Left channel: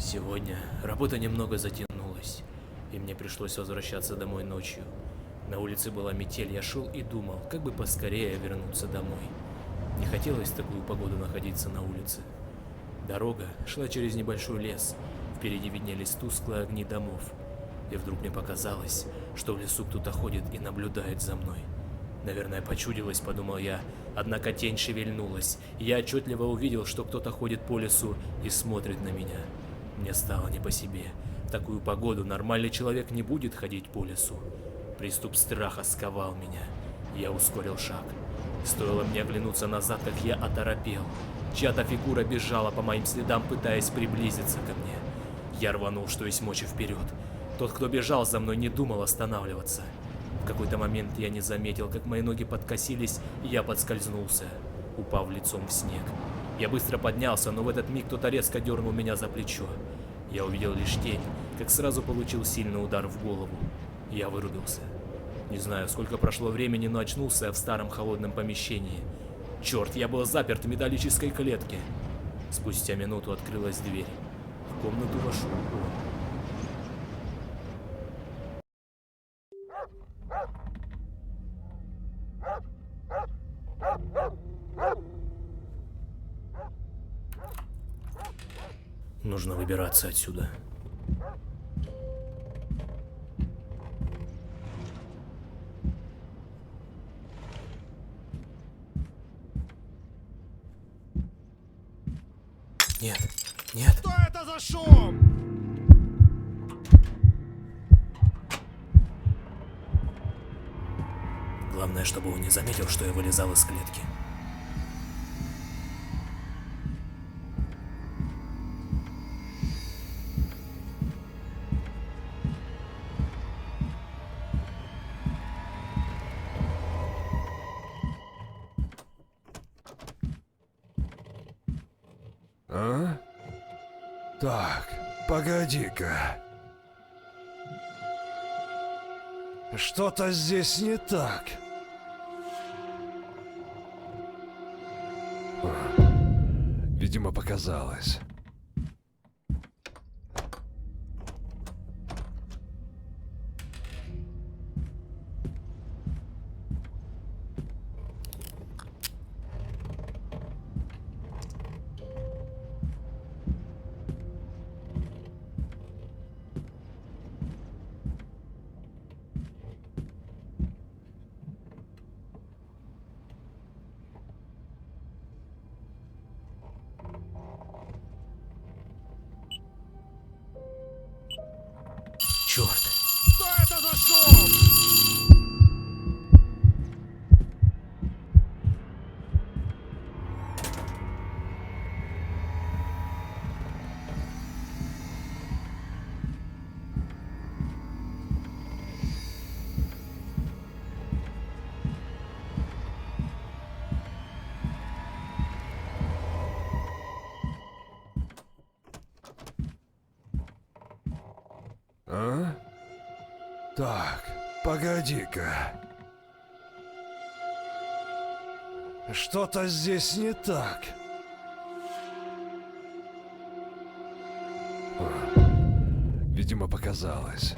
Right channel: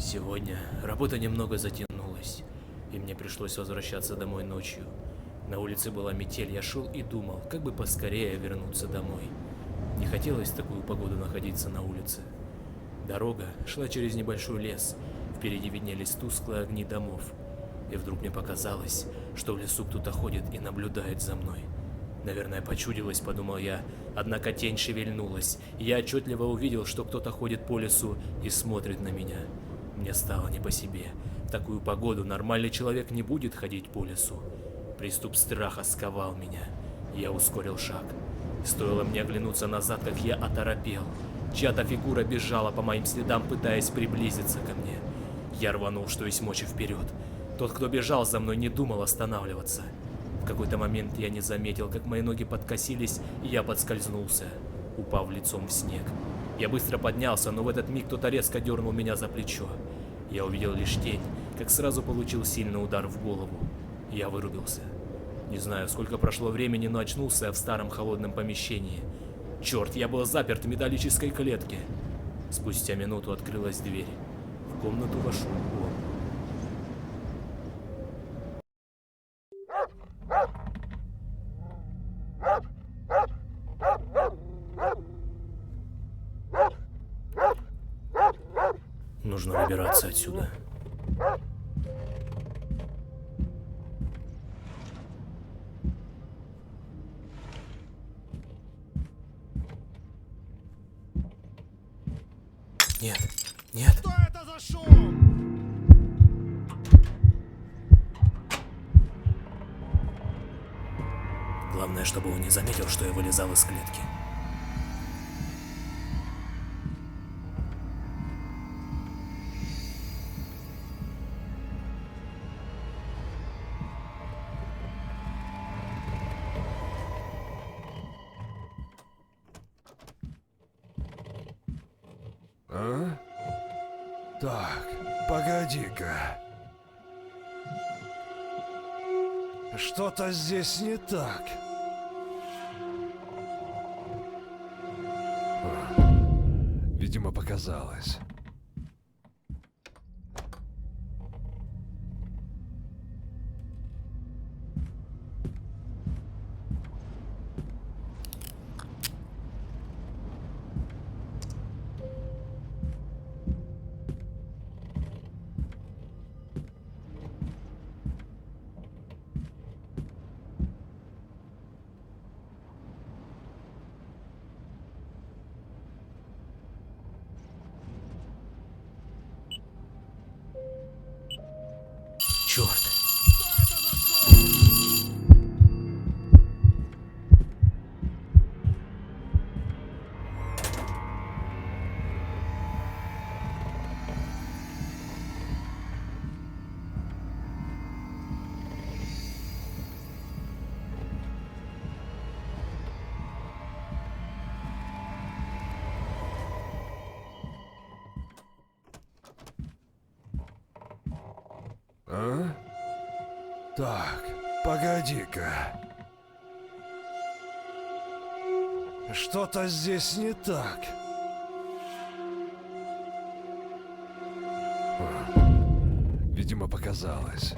Сегодня работа немного затянулась, и мне пришлось возвращаться домой ночью. На улице была метель, я шел и думал, как бы поскорее вернуться домой. Не хотелось в такую погоду находиться на улице. Дорога шла через небольшой лес, впереди виднелись тусклые огни домов. И вдруг мне показалось, что в лесу кто-то ходит и наблюдает за мной. Наверное, почудилось, подумал я, однако тень шевельнулась, и я отчетливо увидел, что кто-то ходит по лесу и смотрит на меня. Мне стало не по себе. В такую погоду нормальный человек не будет ходить по лесу. Приступ страха сковал меня. Я ускорил шаг. Стоило мне оглянуться назад, как я оторопел. Чья-то фигура бежала по моим следам, пытаясь приблизиться ко мне. Я рванул, что есть мочи, вперед. Тот, кто бежал за мной, не думал останавливаться. В какой-то момент я не заметил, как мои ноги подкосились, и я подскользнулся, упав лицом в снег. Я быстро поднялся, но в этот миг кто-то резко дернул меня за плечо. Я увидел лишь тень, как сразу получил сильный удар в голову. Я вырубился. Не знаю, сколько прошло времени, но очнулся я в старом холодном помещении. Черт, я был заперт в металлической клетке. Спустя минуту открылась дверь. В комнату вошел он. Нужно выбираться отсюда. Нет, нет. Что это за шум? Главное, чтобы он не заметил, что я вылезал из клетки. А? Так, погоди-ка. Что-то здесь не так. Видимо, показалось. Черт. Что это за шум? А? Так, погоди-ка. Что-то здесь не так. Видимо, показалось.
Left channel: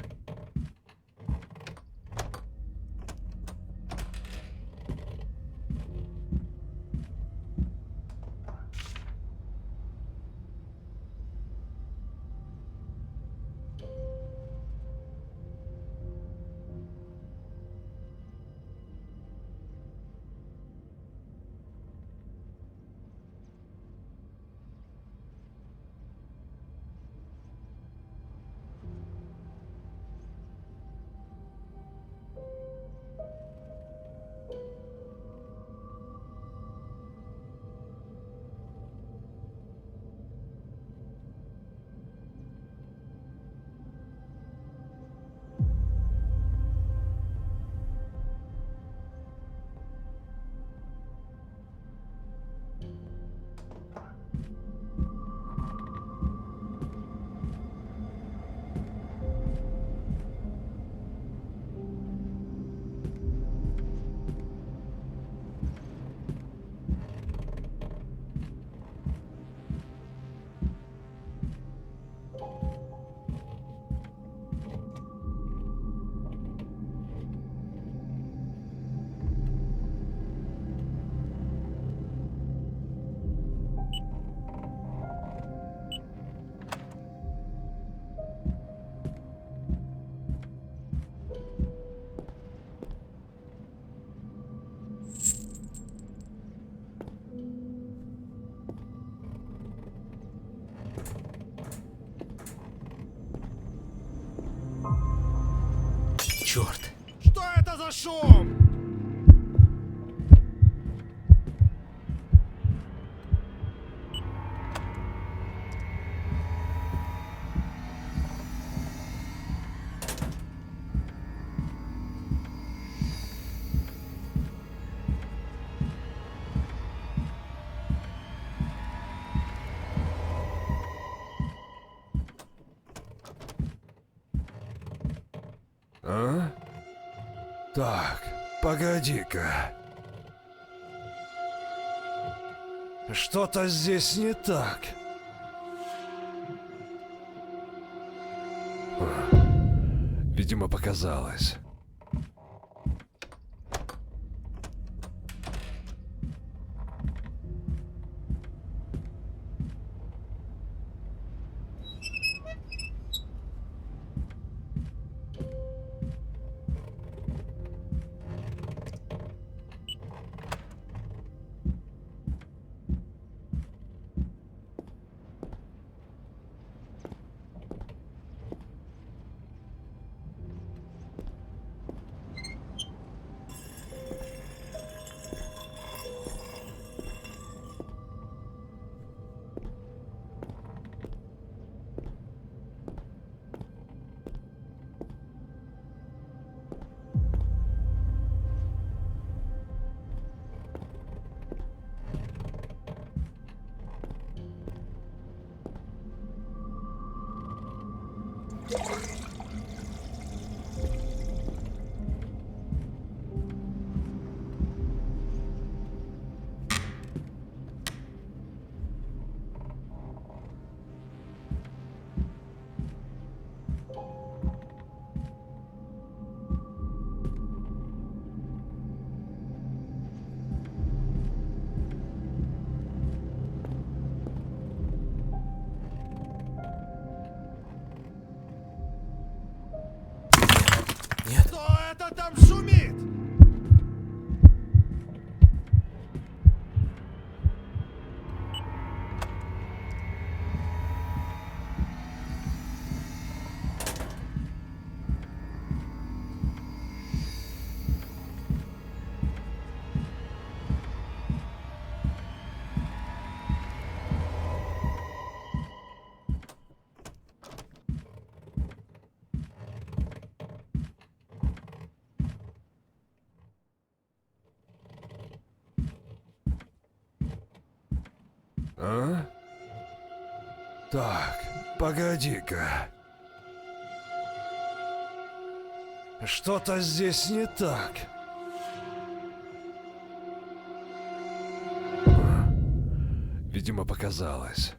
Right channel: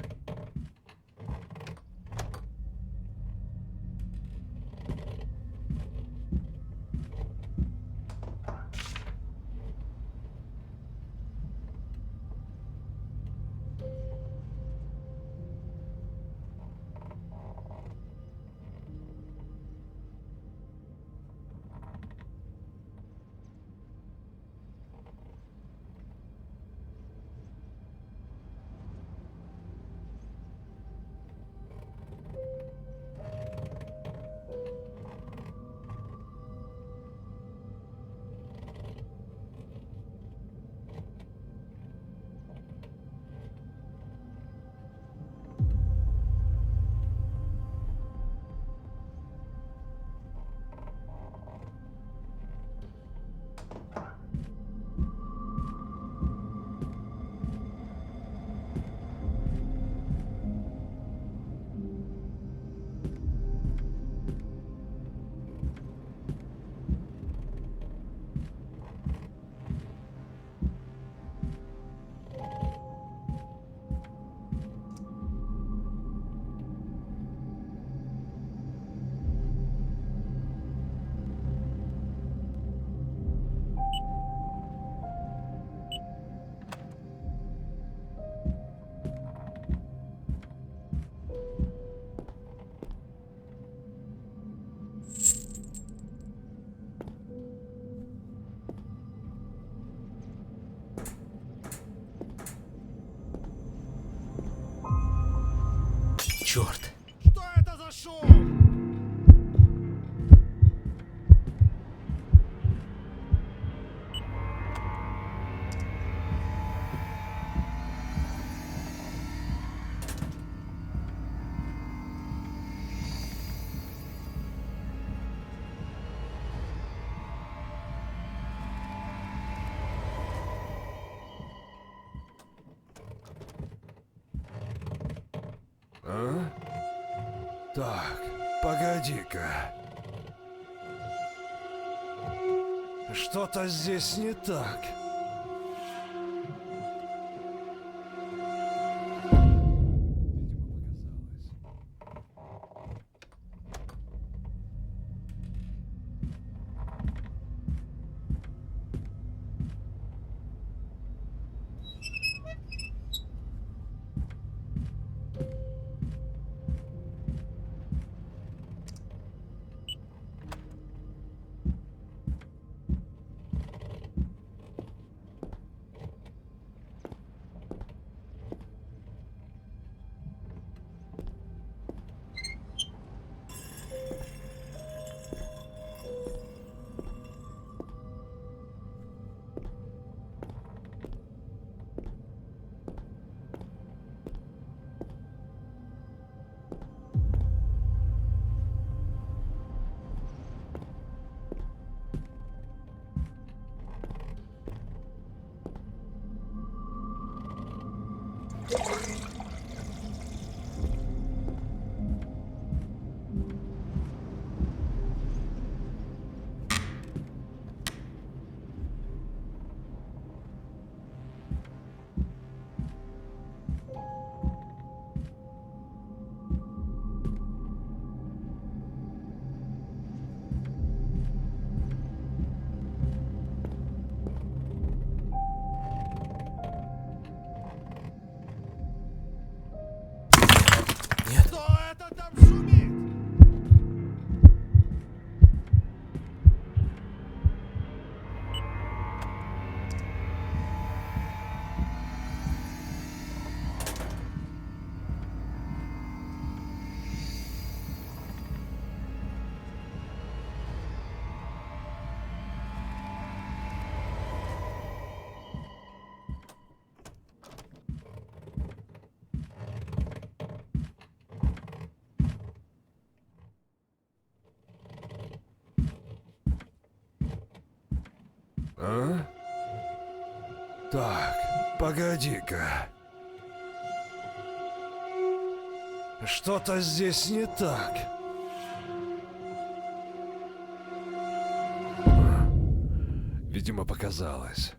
Черт! Что это за шум? А? Так, погоди-ка. Что-то здесь не так. Видимо, показалось. Нет. Кто это там шумит? А? Так, погоди-ка. Что-то здесь не так. Видимо, показалось.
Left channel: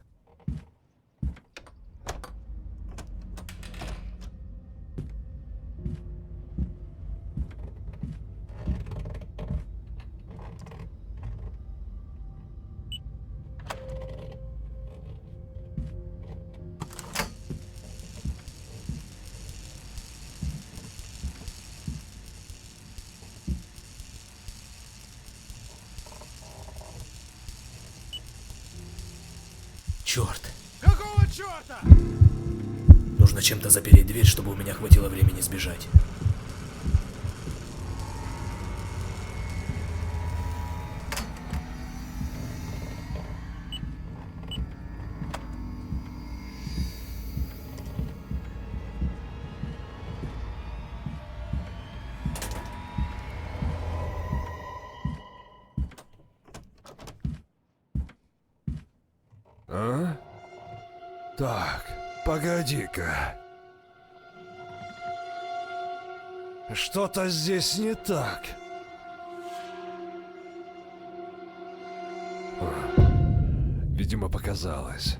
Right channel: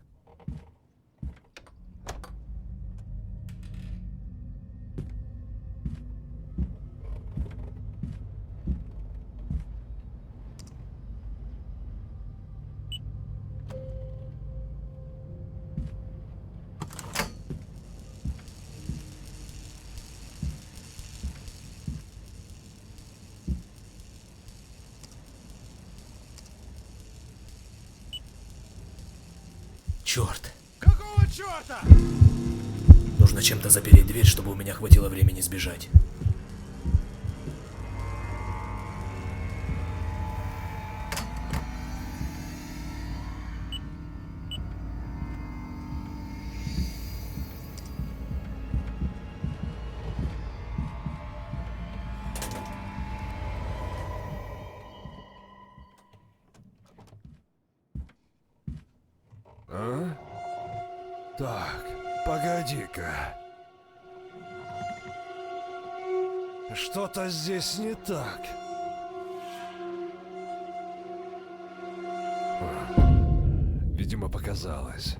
Черт! Какого черта? Нужно чем-то запереть дверь, чтобы у меня хватило времени сбежать. А? Так, погоди-ка. Что-то здесь не так. Видимо, показалось.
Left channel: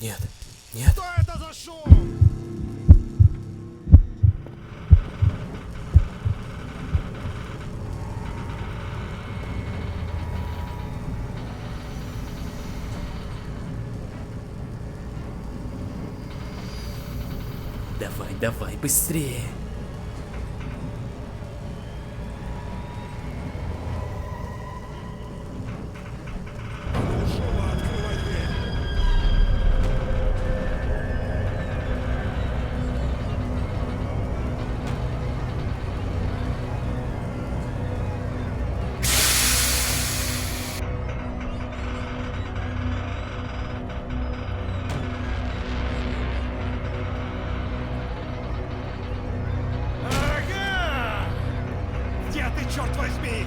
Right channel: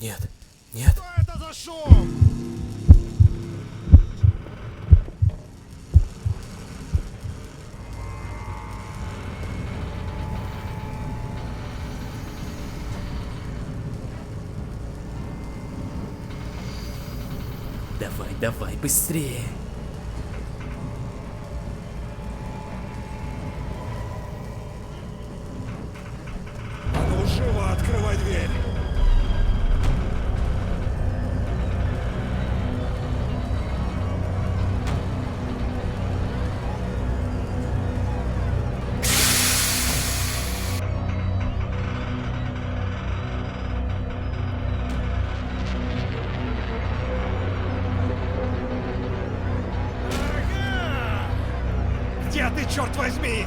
Нет, нет. Что это за шум? Давай, давай, быстрее. А ну живо открывай дверь! Ага! Где ты, черт возьми?